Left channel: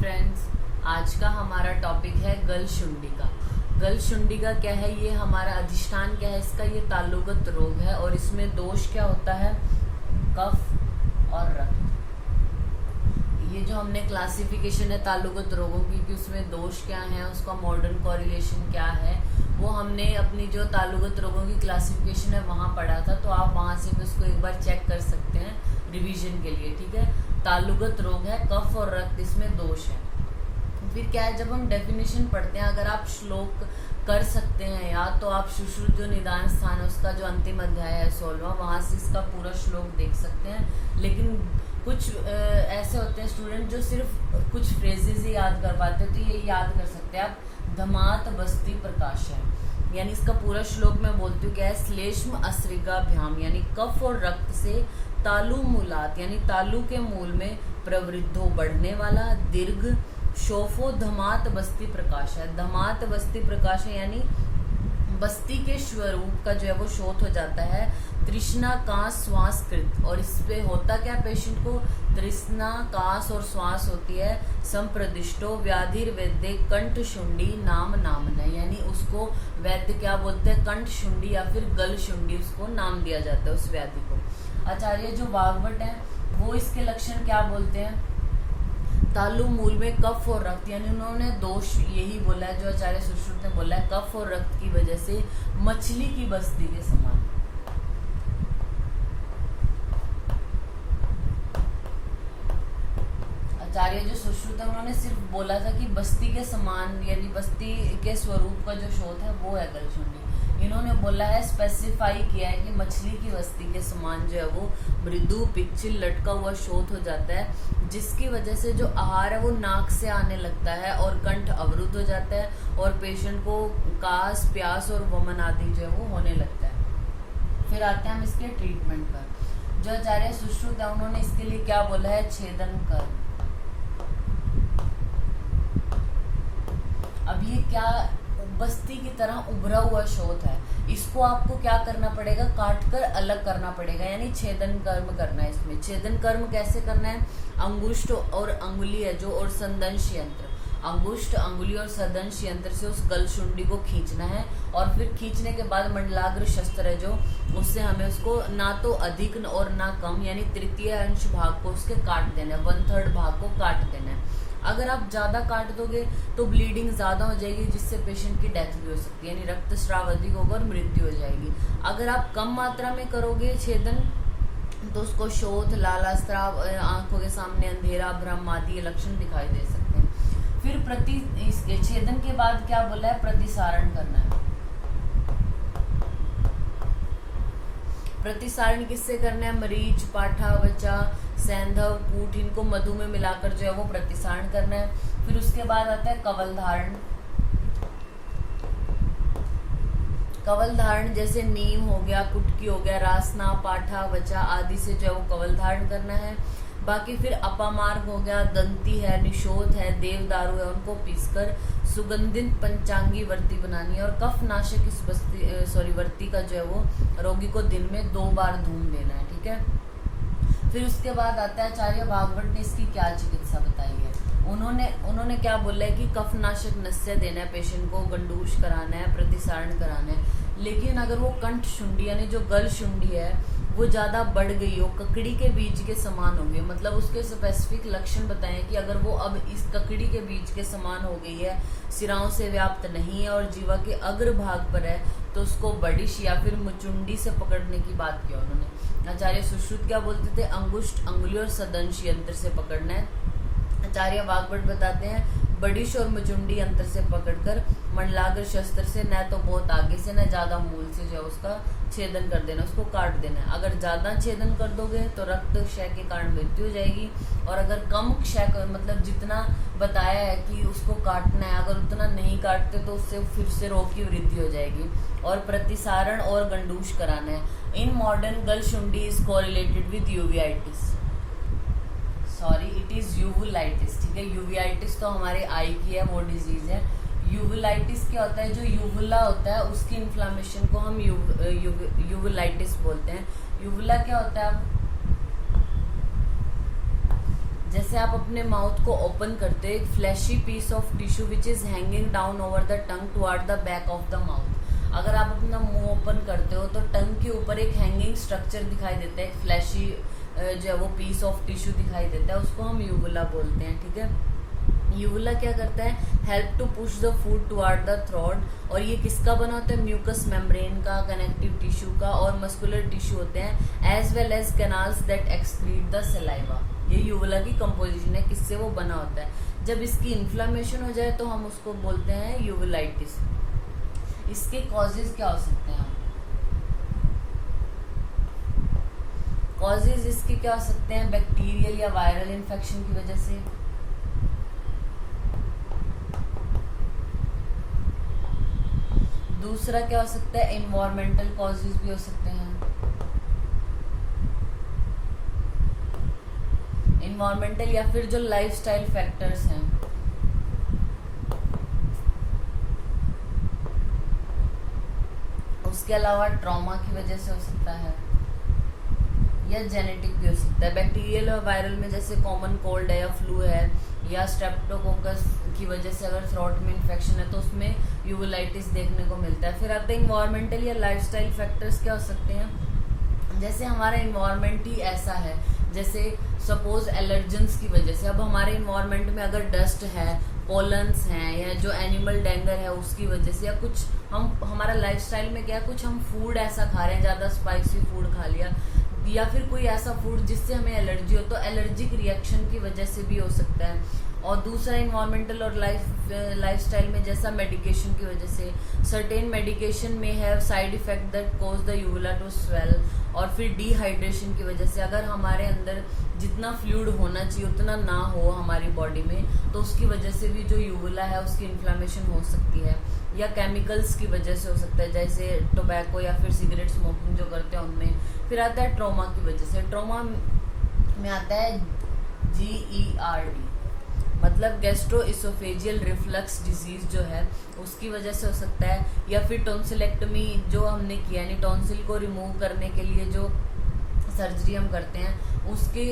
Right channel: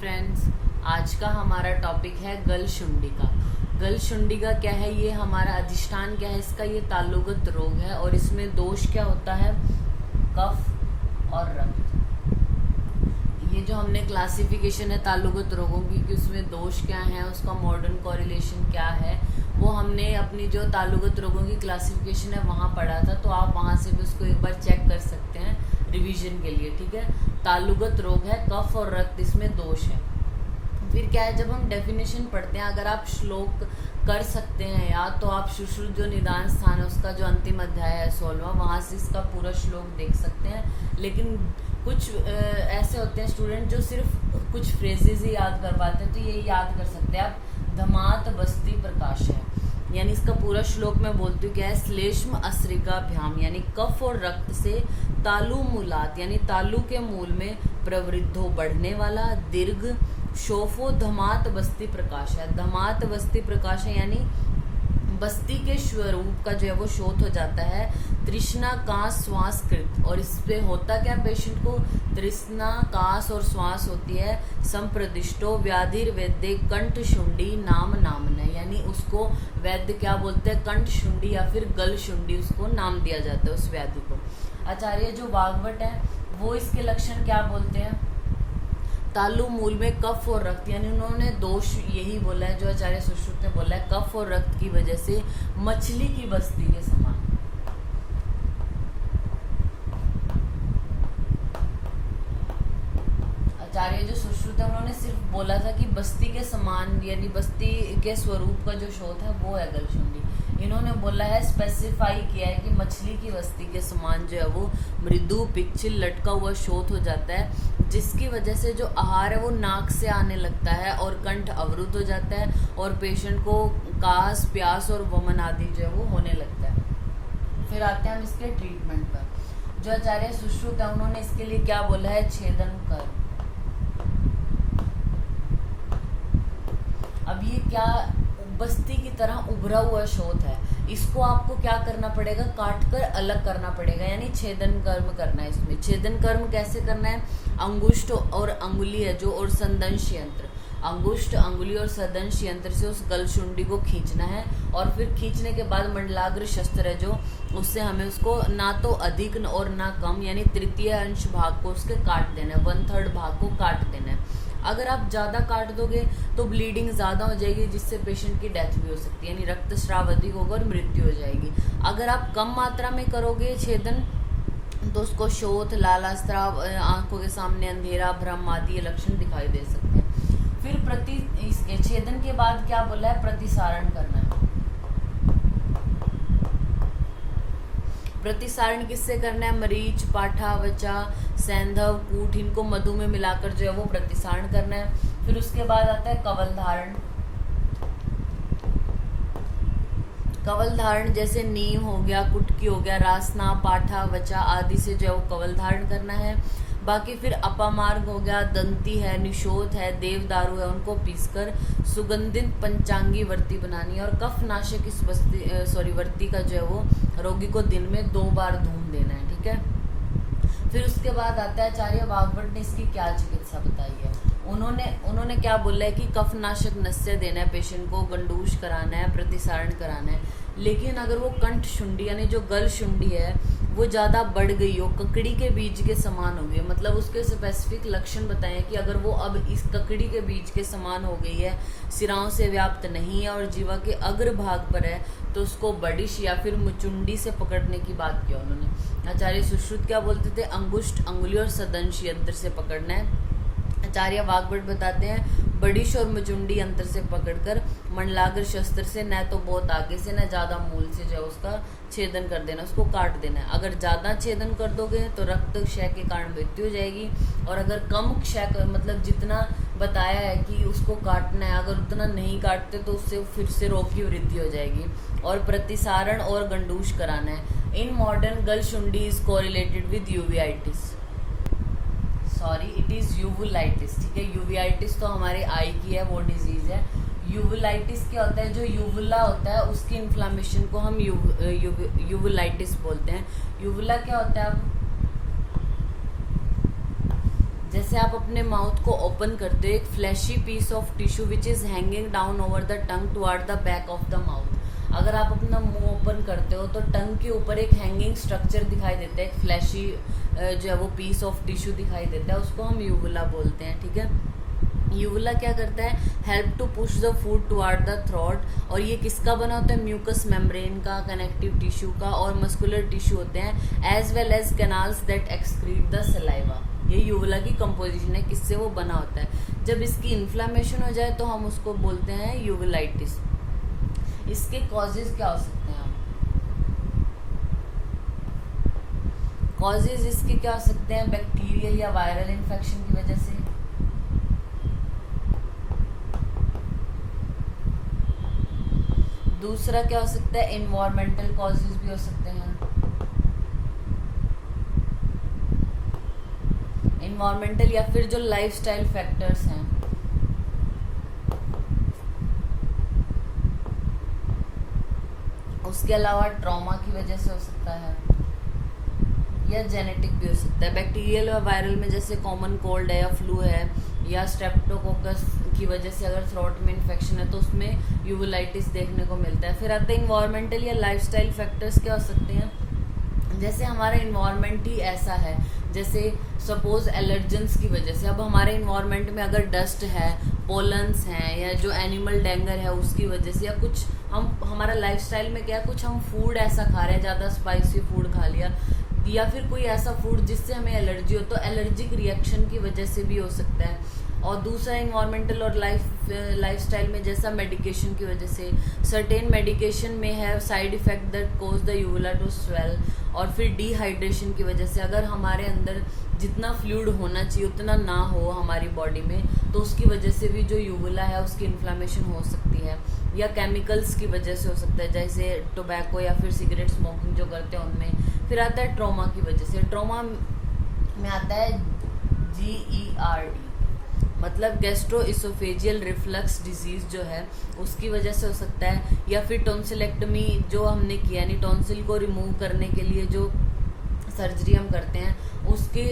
Friends, आज का हमारा टॉपिक है गलशुंडिका। गलशुंडिका क्या है, ये हमारा अधिष्ठान क्या है इसका, ये तालुगत रोग है और इसमें दोष क्या होता है, कफ और रक्त। ये जो हमने क्लासिफिकेशन है तालुगत रोगों की कि उसमें दोष क्या है, उसका मॉडर्न कोरिलेशन क्या है, वो हमने अपनी जो तालुगत रोगों की क्लासिफिकेशन है वहां पढ़ा था। तो आप वहां से भी उसको एक बार चेक कर सकते हैं रिवीजन के लिए। ठीक है, तालुगत रोग है, कफ और रक्त इसमें दोष है। फिर क्या है, जब हम डेफिनेशन पढ़ते हैं, अगर आप श्लोक कर सकते हैं याद, तो आप सुश्रुत जो निदान स्थान है उसका जो अंतिम अध्याय है 16वां, वहां से इसका पूरा श्लोक देख सकते हैं। लेकिन कुछ ऐसे होते हैं स्टूडेंट जो सिर्फ कुछ फ्रेजेस ही याद कर पाते हैं, तो ये याद कर सकते हैं आप, धमात बस्ती प्रकाश है, यानी इसका पूरा श्लोक में बोलती हूँ क्या है, श्लेष्म अस्रिकाभ्याम यानी कफ और रक्त से तालु मूलात यानी तालु के मूल में प्रवृद्धो बढ़ने वाला, दीर्घ शोफो धमात बस्ती प्रकाश है। धमात बस्ती प्रकाश है यानी बस्ती के स्वरूप का जो है वो शोध हो जाता है। तृष्णा कास श्वास कृत, और इस पे होता क्या पेशेंट को, तृष्णा कास और श्वास होती है। संप्रदिष्टो व्याधिर वैद्य कंठ शुंडी नाम नामन, यानी उसको वैद्य क्या बोलते हैं, कंठ शुंडी या फिर गल शुंडी, उसको नाम दिया जाता है उस व्याधि को। आचार्य जो भागवत है वो इसके लक्षण क्या बोलते हैं, तालु मूल में कफ और रक्त, यानी उन्होंने दोष यही बोला है जो आचार्य सुश्रुत ने बोला है, कफ और रक्त की वजह से मछली की बस्ती के समान। आचार्य जो सुश्रुत है उन्होंने सिर्फ बोला था कि बस्ती के समान, यानी बस्ती के स्वरूप का जो शोध है वो है गलशुंडी। इन्होंने बोला है, स्पेसिफाई किया है कि मछली की बस्ती के समान जो है वो मृदु पिक्चल लटका हुआ शोथ हो जाता है, जिसकी वजह से जो आहार है वो नाक से आने लगता है और कंठ अवरुद्ध हो जाता है और पेशेंट को कास प्यास और वमन आदि जो है वो होने लगता है। फिर आते हैं हम इसके ट्रीटमेंट पर। जो आचार्य सुश्रुत है उन्होंने इसके लिए क्या बोला है, छेदन कर। अब ये क्या बस्ती की तरह उभरा हुआ शोथ है, इसको आपको क्या करना पड़ेगा, काट कर अलग करना पड़ेगा, यानी छेदन कर्म करना है। इसमें छेदन कर्म कैसे करना है, अंगुष्ठ और अंगुली है जो, और संदंश यंत्र, अंगुष्ठ अंगुली और संदंश यंत्र से उस गलशुंडी को खींचना है। और फिर खींचने के बाद मंडलाग्र शस्त्र है जो, उससे हमें उसको ना तो अधिक और ना कम, यानी तृतीय अंश भाग को उसके काट देना है, 1/3 भाग को काट देना है। अगर आप ज्यादा काट दोगे तो ब्लीडिंग ज्यादा हो जाएगी, जिससे पेशेंट की डेथ भी हो सकती है, यानी रक्तस्राव अधिक होगा और मृत्यु हो जाएगी। अगर आप कम मात्रा में करोगे छेदन तो उसको शोथ, लालास्राव, आंखों के सामने अंधेरा, भ्रम आदि लक्षण दिखाई दे सकते हैं। फिर इसके छेदन के बाद क्या बोला है, प्रतिसारण करना है। प्रतिसारण किससे करना है, मरीच, पाठा, वचा, सैंधव, कूट, इनको मधु में मिलाकर जो है वो प्रतिसारण करना है। फिर उसके बाद आता है कवल धारण। कवल धारण जैसे नीम हो गया, कुटकी हो गया, रासना, पाठा, वचा आदि से जो है वो कवल धारण करना है। बाकी फिर अपामार्ग हो गया, दंती है, निशोथ है, देवदारू है, उनको पीसकर सुगंधित पंचांगी वर्ती बनानी है। और कफ नाशक इस वर्ती का जो है वो रोगी को दिन में 2 बार धूम देना है। ठीक है, फिर उसके बाद आता है आचार्य भागवत ने इसकी क्या चिकित्सा बताई है। उन्होंने क्या बोला है कि कफनाशक नस्य देना है पेशेंट को, गंडूश कराना है, प्रतिसारण कराना है। लेकिन अगर वो कंठ शुंडी यानी जो गल शुंडी है वो ज्यादा बढ़ गई हो, ककड़ी के बीज के समान हो गई, मतलब उसके स्पेसिफिक लक्षण बताएं कि अगर वो अब इस ककड़ी के बीज के समान हो गई है, सिराओं से व्याप्त नहीं है और जीवा के अग्र भाग पर है, तो उसको बडिश या फिर मुचुंडी से पकड़ने की बात किया उन्होंने। आचार्य सुश्रुत क्या बोलते थे, अंगुष्ठ अंगुली और सदंश यंत्र से पकड़ना है। आचार्य वाग्भट बताते हैं, बडिश और मुचुंडी यंत्र से पकड़कर मंडलाग्र शस्त्र से न तो बहुत आगे से न ज्यादा मूल से जो उसका छेदन कर देना, उसको काट देना है। अगर ज्यादा छेदन कर दोगे तो रक्त क्षय के कारण मृत्यु हो जाएगी, और अगर कम क्षय मतलब जितना बताया है कि उसको काटना है, अगर उतना नहीं काटते तो उससे फिर से रोग की वृद्धि हो जाएगी। और प्रतिसारण और गंडूश कराना है। इन मॉडर्न गलशुंडी is correlated with uveitis, sorry it is uvulitis. ठीक है, यूवीआइटिस तो हमारे आई की है, वो डिजीज है। यूवुलाइटिस क्या होता है, जो यूवुला होता है उसकी इन्फ्लामेशन को हम यूवुलाइटिस बोलते हैं। यूवुला क्या होता है, जैसे आप अपने माउथ को ओपन करते हो, एक flashy piece of tissue which is hanging down over the tongue toward the back of the mouth. अगर आप अपना मुंह ओपन करते हो तो टंग के ऊपर एक हैंगिंग स्ट्रक्चर दिखाई देता है, एक फ्लैशी जो है वो पीस ऑफ टिश्यू दिखाई देता है, उसको हम यूवुला बोलते हैं। ठीक है, यूवुला क्या करता है, help to push the food toward the throat. और ये किसका बना होता है, म्यूकस मेम्ब्रेन का, कनेक्टिव टिश्यू का और मस्कुलर टिश्यू होते हैं, as well as canals that excrete the saliva. ये यूवुला की कंपोजिशन है, किससे वो बना होता है। जब इसकी इन्फ्लामेशन हो जाए तो हम उसको बोलते हैं यूवुलाइटिस। इसके कॉजेज क्या हो सकते हैं, कॉजेज इसके क्या हो सकते हैं, बैक्टीरियल या वायरल इन्फेक्शन की वजह से, दूसरा क्या हो सकता है, इन्वायरमेंटल कॉजेज भी हो सकते हैं। इन्वायरमेंटल या फिर जो लाइफस्टाइल फैक्टर्स हैं, उसके अलावा ट्रॉमा की वजह से हो सकता है या जेनेटिक भी हो सकता है। बैक्टीरियल और वायरल में जैसे कॉमन कोल्ड है या फ्लू है या स्ट्रेप्टोकोकस की वजह से अगर थ्रोट में इन्फेक्शन है तो उसमें यूवुलाइटिस देखने को मिलता है। फिर आते हैं इन्वायरमेंटल या लाइफस्टाइल फैक्टर्स क्या हो सकते हैं, जैसे हमारा इन्वायरमेंट ही ऐसा है, जैसे सपोज एलर्जेंस की वजह से, अब हमारे इन्वायरमेंट में अगर डस्ट है, पोलन्स हैं या जो एनिमल डेंगर है उसकी वजह से, या कुछ हम हमारा लाइफस्टाइल में क्या है, कुछ हम फूड ऐसा खा रहे हैं, ज्यादा स्पाइसी फूड खा लिया या फिर कोई ऐसा फूड जिससे हमें एलर्जी हो, तो एलर्जिक रिएक्शन की वजह से भी हो सकता है। और दूसरा इन्वायरमेंटल और लाइफस्टाइल में जैसा मेडिकेशन की वजह से, सर्टेन मेडिकेशन में have side effect that cause the uvula to swell. और फिर डिहाइड्रेशन की वजह से, अगर हमारे अंदर जितना फ्लूइड होना चाहिए उतना ना हो हमारी बॉडी में, तो उसकी वजह से भी जो यूवुला है उसकी इन्फ्लामेशन हो सकती है। या केमिकल्स की वजह से हो सकता है, जैसे टोबैको या फिर सिगरेट स्मोकिंग जो करते हैं उनमें। फिर आता है ट्रॉमा की वजह से, ट्रॉमा में आता है GERD, मतलब गैस्ट्रोइसोफेजियल रिफ्लक्स डिजीज जो है उसकी वजह से हो सकता है। या फिर टॉन्सिलेक्टमी जो हमने किया, यानी टॉन्सिल को रिमूव करने के लिए जो सर्जरी हम करते हैं, उसके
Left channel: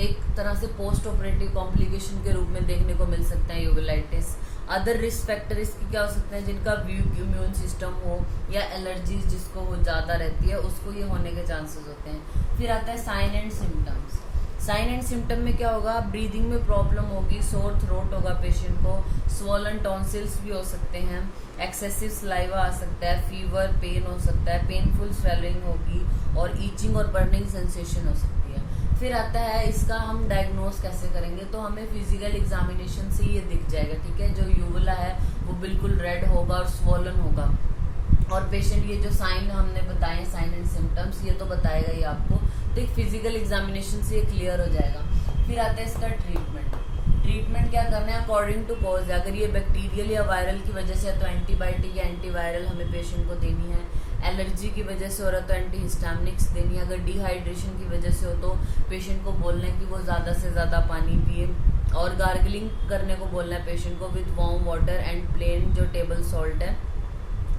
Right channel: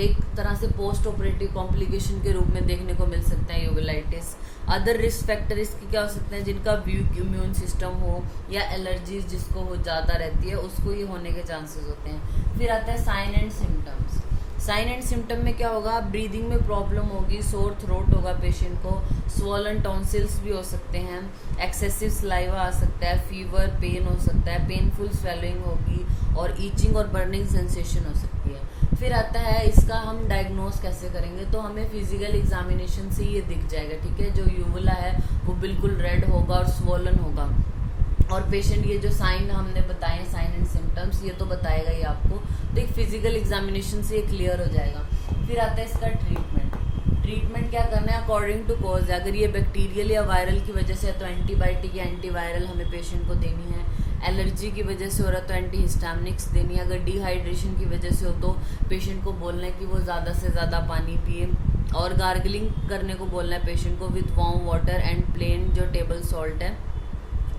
एक तरह से पोस्ट ऑपरेटिव कॉम्प्लिकेशन के रूप में देखने को मिल सकता है यूवुलाइटिस। अदर रिस्क फैक्टर इसके क्या हो सकते हैं, जिनका वीक इम्यून सिस्टम हो या एलर्जीज जिसको वो ज्यादा रहती है उसको ये होने के चांसेस होते हैं। फिर आता है sign and symptoms. Sign and symptom में क्या होगा, ब्रीदिंग में प्रॉब्लम होगी, सोर थ्रोट होगा पेशेंट को, स्वॉलन टॉन्सिल्स भी हो सकते हैं, एक्सेसिव सलाइवा आ सकता है, फीवर, पेन हो सकता है, पेनफुल स्वेलिंग होगी और ईचिंग और बर्निंग सेंसेशन हो सकती है। फिर आता है इसका हम डायग्नोस कैसे करेंगे, तो हमें फिजिकल एग्जामिनेशन से ये दिख जाएगा। ठीक है, जो यूवुला है वो बिल्कुल रेड होगा और स्वॉलन होगा, और पेशेंट ये जो साइन हमने बताए, साइन एंड सिम्टम्स, ये तो बताएगा ही आपको, तो एक फिजिकल एग्जामिनेशन से ये क्लियर हो जाएगा। फिर आता है इसका ट्रीटमेंट। ट्रीटमेंट क्या करना है, अकॉर्डिंग टू कॉज। अगर ये बैक्टीरियल या वायरल की वजह से है तो एंटीबायोटिक या एंटीवायरल हमें पेशेंट को देनी है। एलर्जी की वजह से हो रहा तो एंटीहिस्टामिनिक्स देनी है। अगर डिहाइड्रेशन की वजह से हो तो पेशेंट को बोलना है कि वो ज़्यादा से ज़्यादा पानी पिए, और गार्गलिंग करने को बोलना है पेशेंट को with warm water and plain जो टेबल सॉल्ट है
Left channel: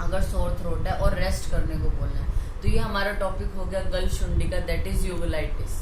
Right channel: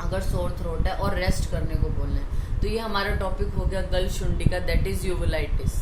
अगर सोर थ्रोट है, और रेस्ट करने को बोलना है। तो ये हमारा टॉपिक हो गया गल शुंडी का, दैट इज यूवुलाइटिस।